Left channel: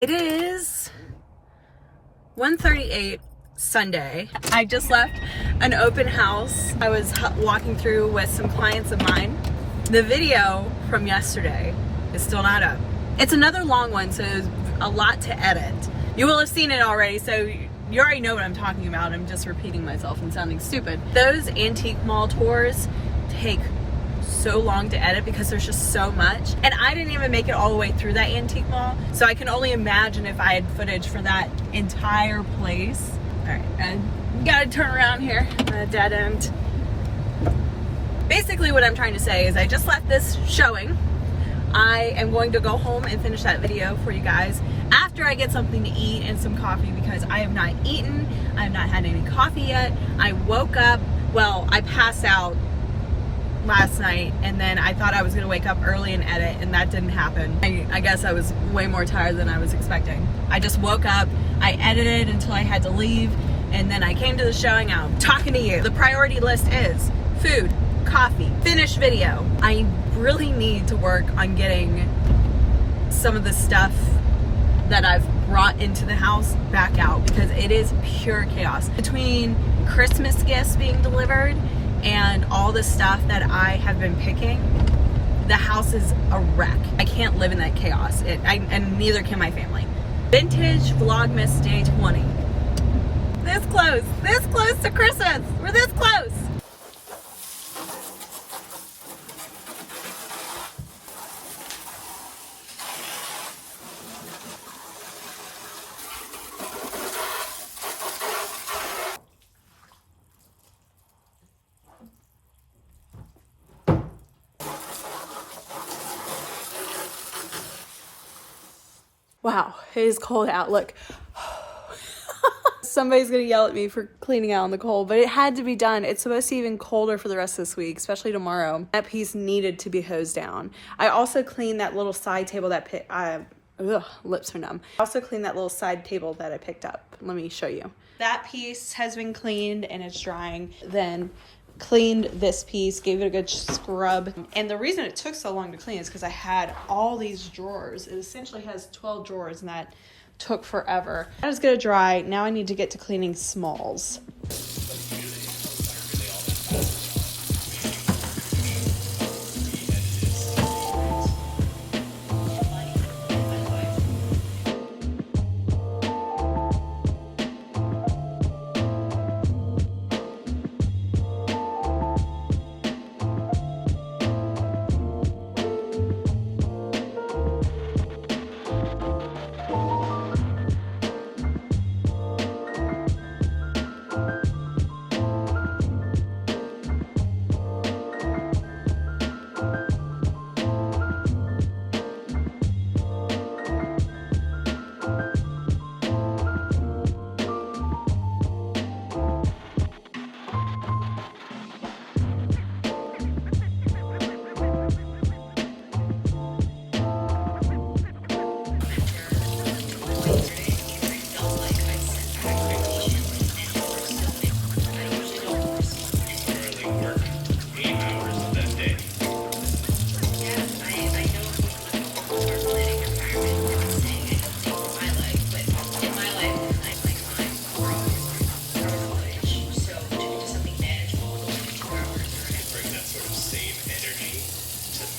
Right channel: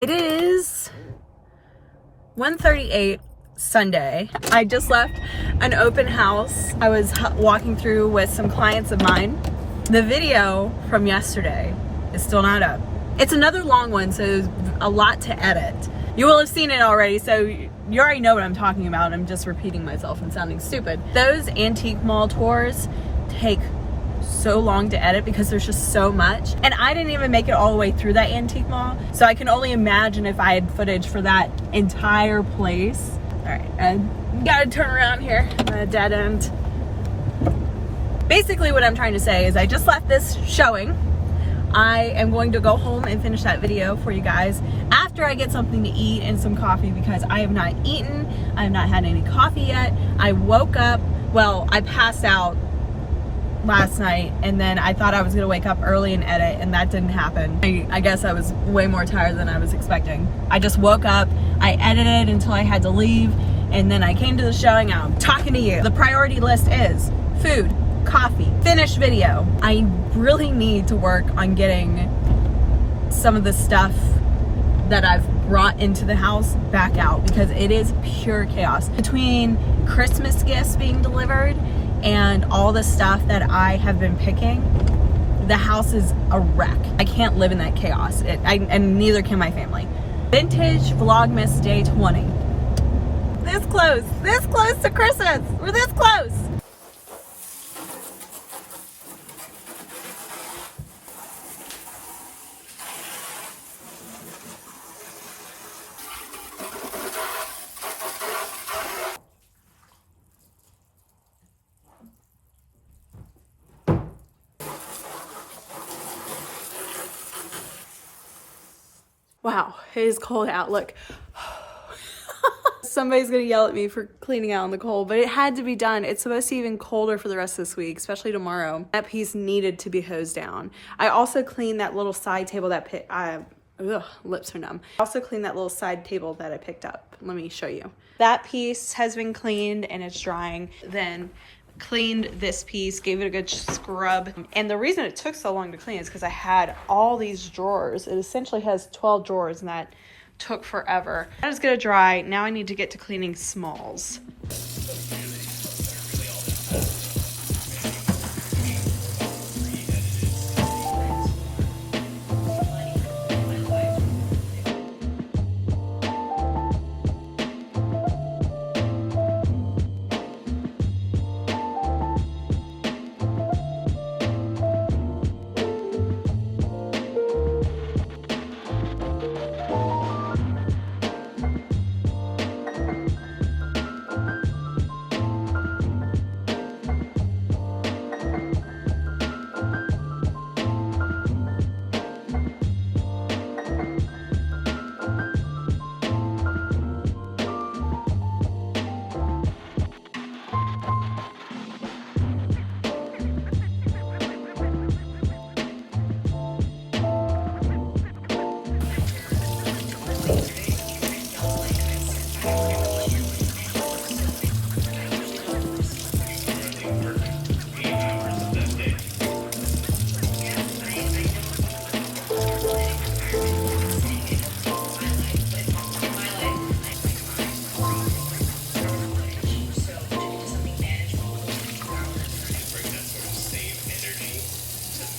It is 1:38 Sunday. I just left an open house. I was walking through with some clients of mine. The video from yesterday is still not up. It's another long one, so there's a lot to edit. You will have seen it already, so you already know what I'm talking about. I'm just repeating myself and sounding stupid. Those antique mall tours take so long to edit because there's just so much, and I didn't even make it all the way through that antique mall, so I can only imagine if I had footage for that entire place. All right, and gotta turn around here, dead end. Basically what I'm trying to say is I just left this showing. I am going to go home and finish that video for you guys after I get something to eat and some coffee, because I have not eaten, I have not had any coffee yet. I woke up, well, I passed out last night, and then I thought I was gonna wake up early and edit, and that didn't happen. I guess I was way more tired than I was expecting. I just woke up, I edited until I had to leave, and then I came to the showing. I'm talking to you. The priority list is food, coffee, finish video. I really need to work on getting some of the stuff that I've brought into the house back out, because it is pure chaos. Between Christmas gifts being delivered and all the stuff that I have been picking, the house is a wreck. I can't live in that chaos, and neither can my family. Vintage Vlogmas Day 20. This close to Christmas. We're this close. Wow, it is cold out. Look. Somebody's gonna yell at me for cleaning out in the cold, but it had to be done. It's supposed to be even colder for the rest of this week, especially tomorrow. That piece needed to be hosed down. I also cleaned that little side table that lips are numb. I also cleaned that little side table that I picked up. Let me show you. That piece has been cleaned and it's drying. Then cleaned this piece, gave it a good scrub. And the reason it took so long to clean is because I had all these drawers. It essentially has 12 drawers, and that took forever. That is gonna dry. Now I need to get to cleaning smalls.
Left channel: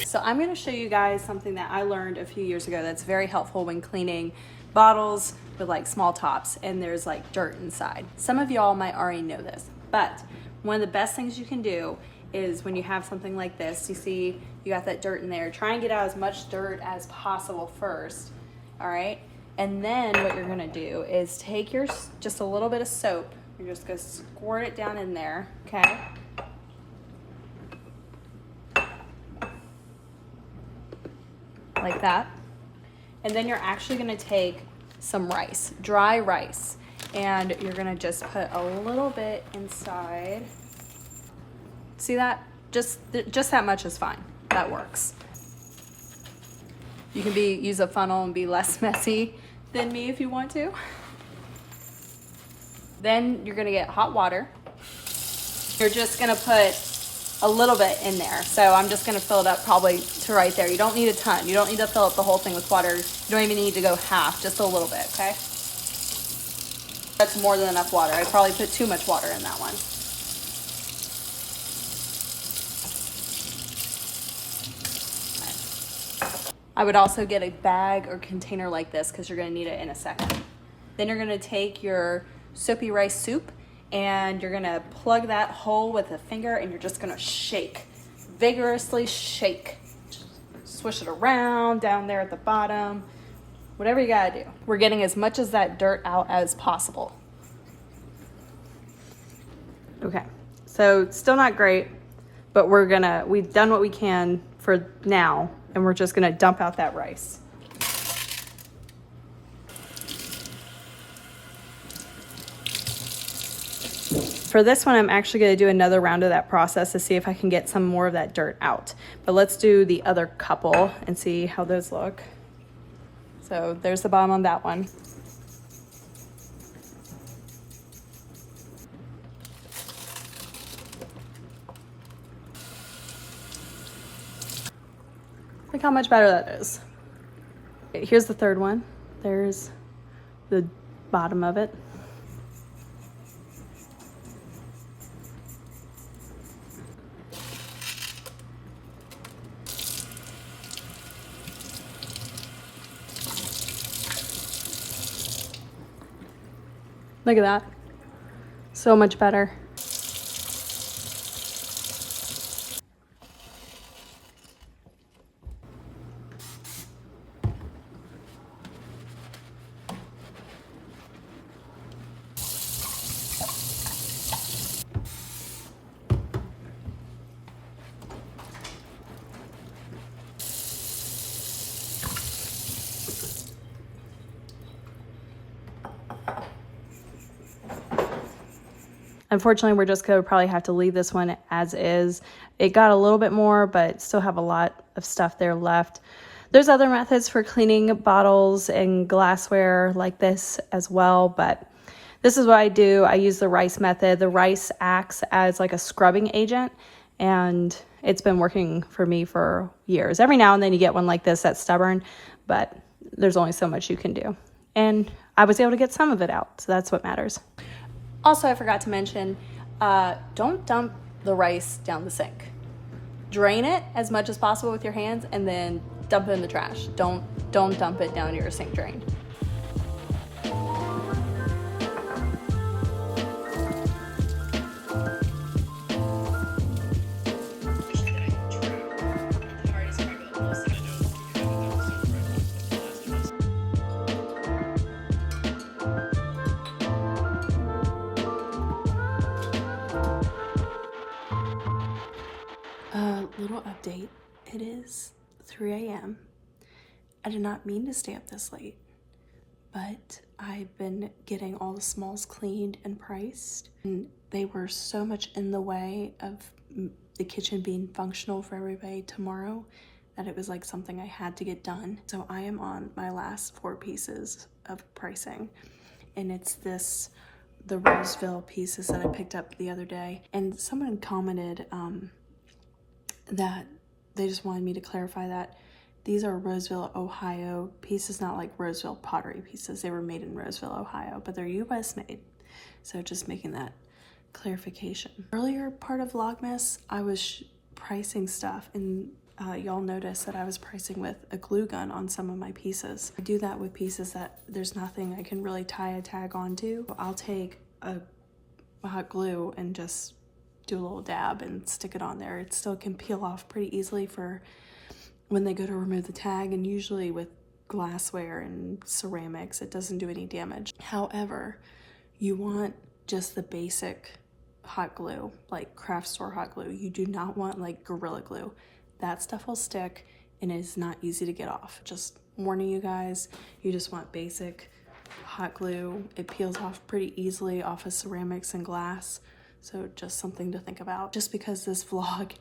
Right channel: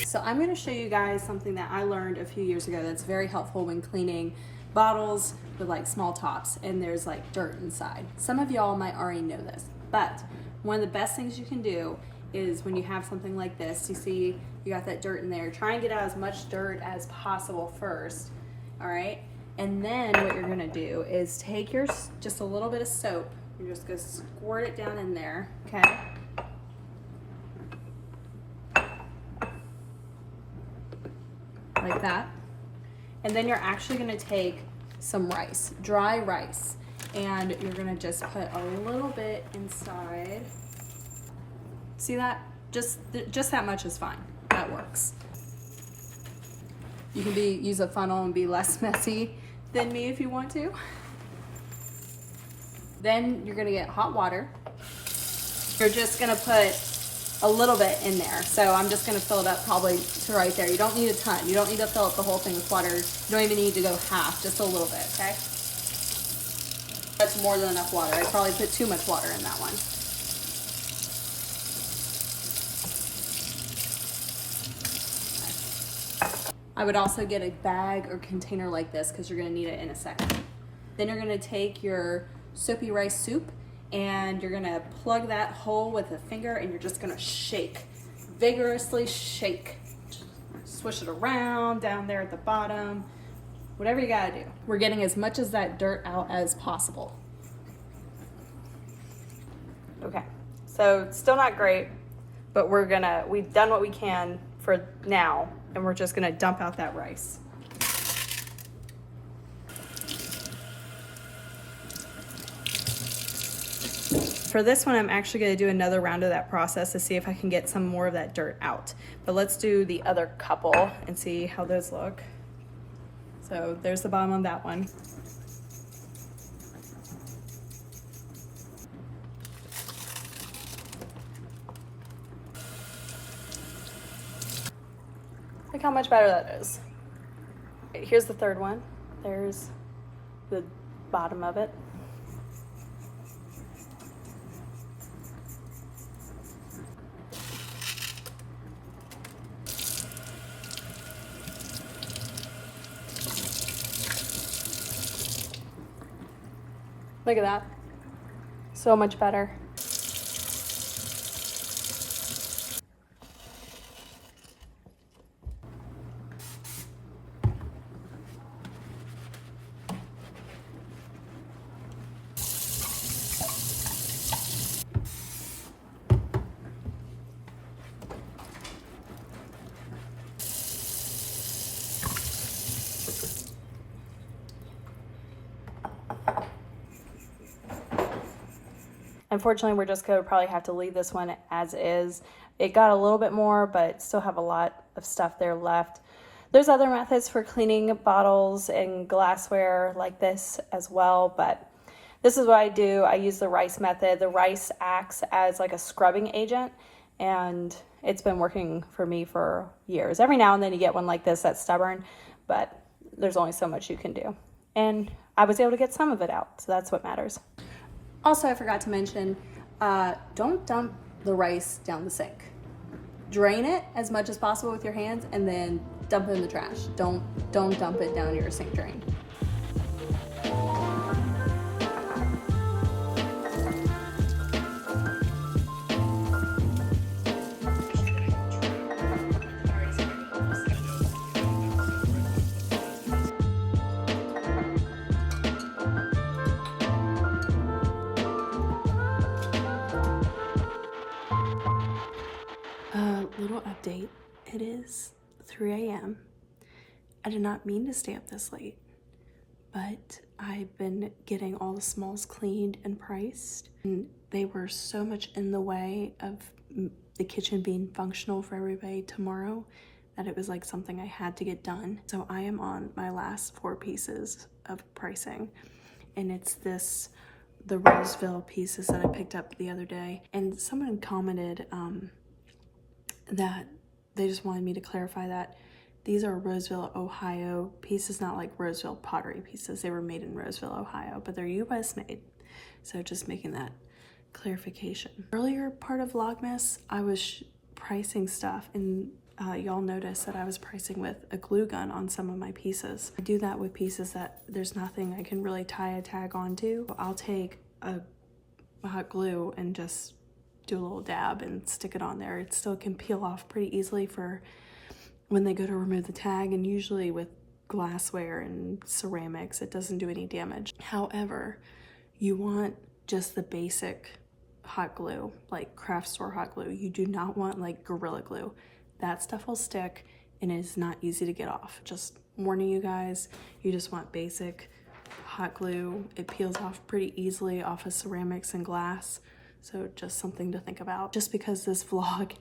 So I'm going to show you guys something that I learned a few years ago that's very helpful when cleaning bottles with like small tops and there's like dirt inside. Some of y'all might already know this, but one of the best things you can do is when you have something like this, you see you got that dirt in there, try and get out as much dirt as possible first, all right? And then what you're gonna do is take your, just a little bit of soap, you're just gonna squirt it down in there, okay? Like that. And then you're actually gonna take some rice, dry rice, and you're gonna just put a little bit inside. See that? Just that much is fine. That works. You can use a funnel and be less messy than me if you want to. Then you're gonna get hot water. You're just gonna put a little bit in there. So I'm just gonna fill it up probably to right there. You don't need a ton. You don't need to fill up the whole thing with water. You don't even need to go half, just a little bit, okay? That's more than enough water. I probably put too much water in that one. I would also get a bag or container like this because you're gonna need it in a second. Then you're gonna take your soapy rice soup and you're gonna plug that hole with a finger and you're just gonna shake, vigorously shake. Just swish it around down there at the bottom, whatever you gotta do. We're getting as much of that dirt out as possible. Okay, so it's still not great, but we've done what we can for now, and we're just gonna dump out that rice. For this one, I'm actually gonna do another round of that process to see if I can get some more of that dirt out. But let's do the other couple and see how those look. So there's the bottom on that one. Look how much better that is. Okay, here's the third one. There's the bottom of it. Look at that. So much better. Unfortunately, we're just gonna probably have to leave this one as is. It got a little bit more, but still have a lot of stuff there left. There's other methods for cleaning bottles and glassware like this as well, but this is what I do. I use the rice method. The rice acts as like a scrubbing agent, and it's been working for me for years. Every now and then you get one like this that's stubborn, but there's only so much you can do. And I was able to get some of it out, so that's what matters. Also, I forgot to mention, don't dump the rice down the sink. Drain it as much as possible with your hands and then dump it in the trash. Don't dump it down your sink drain. Little update. It is 3 a.m. I did not mean to stay up this late, but I've been getting all the smalls cleaned and priced, and they were so much in the way of the kitchen being functional for everybody tomorrow that it was like something I had to get done. So I am on my last 4 pieces of pricing, and it's the Roseville pieces that I picked up the other day. And someone commented that they just wanted me to clarify that these are Roseville, Ohio pieces, not like Roseville pottery pieces. They were made in Roseville, Ohio, but they're US made. So just making that clarification. Earlier part of Vlogmas, I was pricing stuff, and y'all noticed that I was pricing with a glue gun on some of my pieces. I do that with pieces that there's nothing I can really tie a tag onto. I'll take a hot glue and just do a little dab and stick it on there. It still can peel off pretty easily for when they go to remove the tag, and usually with glassware and ceramics it doesn't do any damage. However, you want just the basic hot glue, like craft store hot glue. You do not want like Gorilla Glue. That stuff will stick and it is not easy to get off. Just warning you guys, you just want basic hot glue. It peels off pretty easily off of ceramics and glass. So just something to think about. Just because this vlog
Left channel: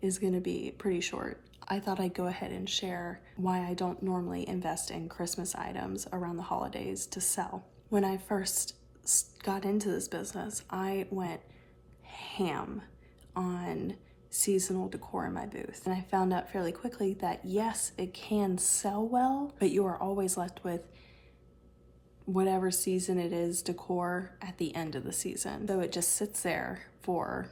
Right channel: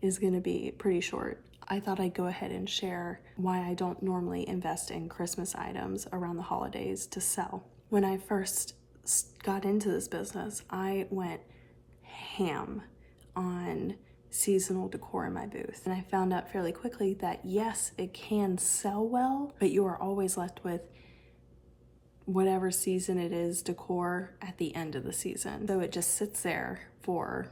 is gonna be pretty short, I thought I'd go ahead and share why I don't normally invest in Christmas items around the holidays to sell. When I first got into this business, I went ham on seasonal decor in my booth. And I found out fairly quickly that yes, it can sell well, but you are always left with whatever season it is decor at the end of the season. So it just sits there for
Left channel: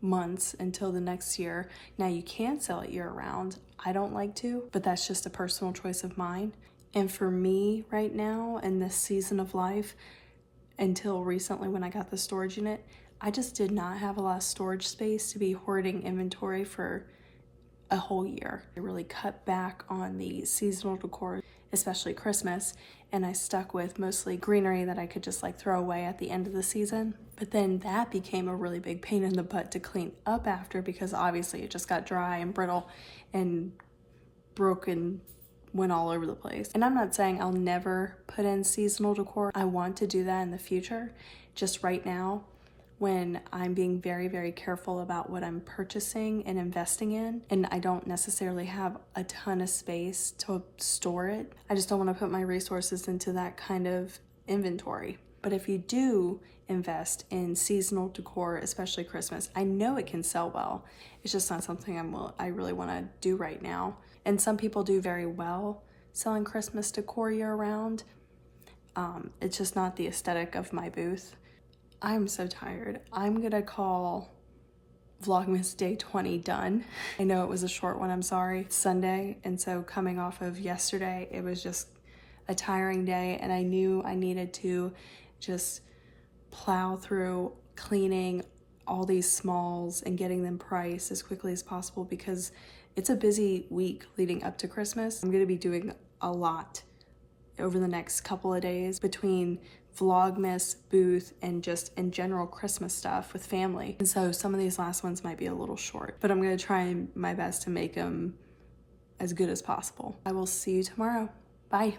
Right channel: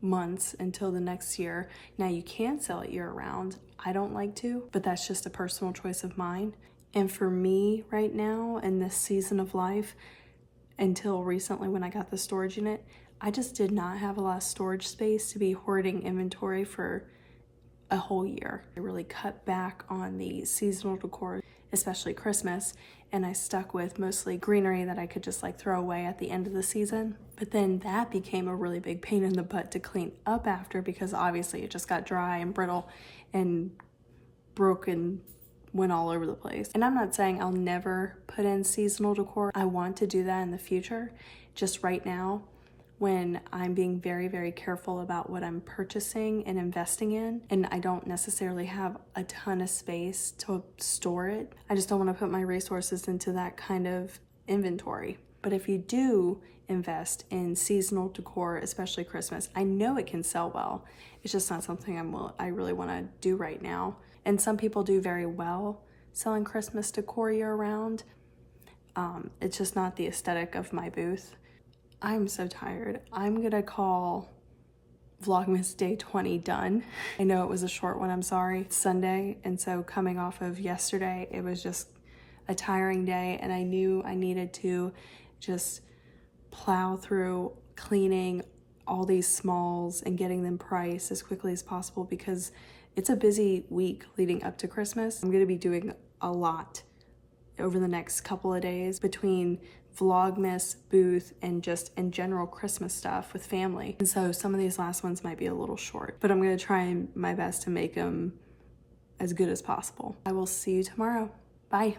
months until the next year. Now you can sell it year round. I don't like to, but that's just a personal choice of mine. And for me right now in this season of life, until recently when I got the storage unit, I just did not have a lot of storage space to be hoarding inventory for a whole year. I really cut back on the seasonal decor, especially Christmas, and I stuck with mostly greenery that I could just like throw away at the end of the season. But then that became a really big pain in the butt to clean up after, because obviously it just got dry and brittle and broken, went all over the place. And I'm not saying I'll never put in seasonal decor. I want to do that in the future. Just right now, when I'm being very, very careful about what I'm purchasing and investing in, and I don't necessarily have a ton of space to store it, I just don't want to put my resources into that kind of inventory. But if you do invest in seasonal decor, especially Christmas, I know it can sell well. It's just not something I really want to do right now. And some people do very well selling Christmas decor year round. It's just not the aesthetic of my booth. I'm so tired. I'm gonna call Vlogmas Day 20 done. I know it was a short one, I'm sorry. It's Sunday, and so coming off of yesterday, it was just a tiring day, and I knew I needed to just plow through cleaning all these smalls and getting them priced as quickly as possible, because it's a busy week leading up to Christmas. I'm gonna be doing a lot over the next couple of days between Vlogmas, booth, and just in general Christmas stuff with family. And so some of these last ones might be a little short, but I'm gonna try my best to make them as good as possible. I will see you tomorrow. Bye.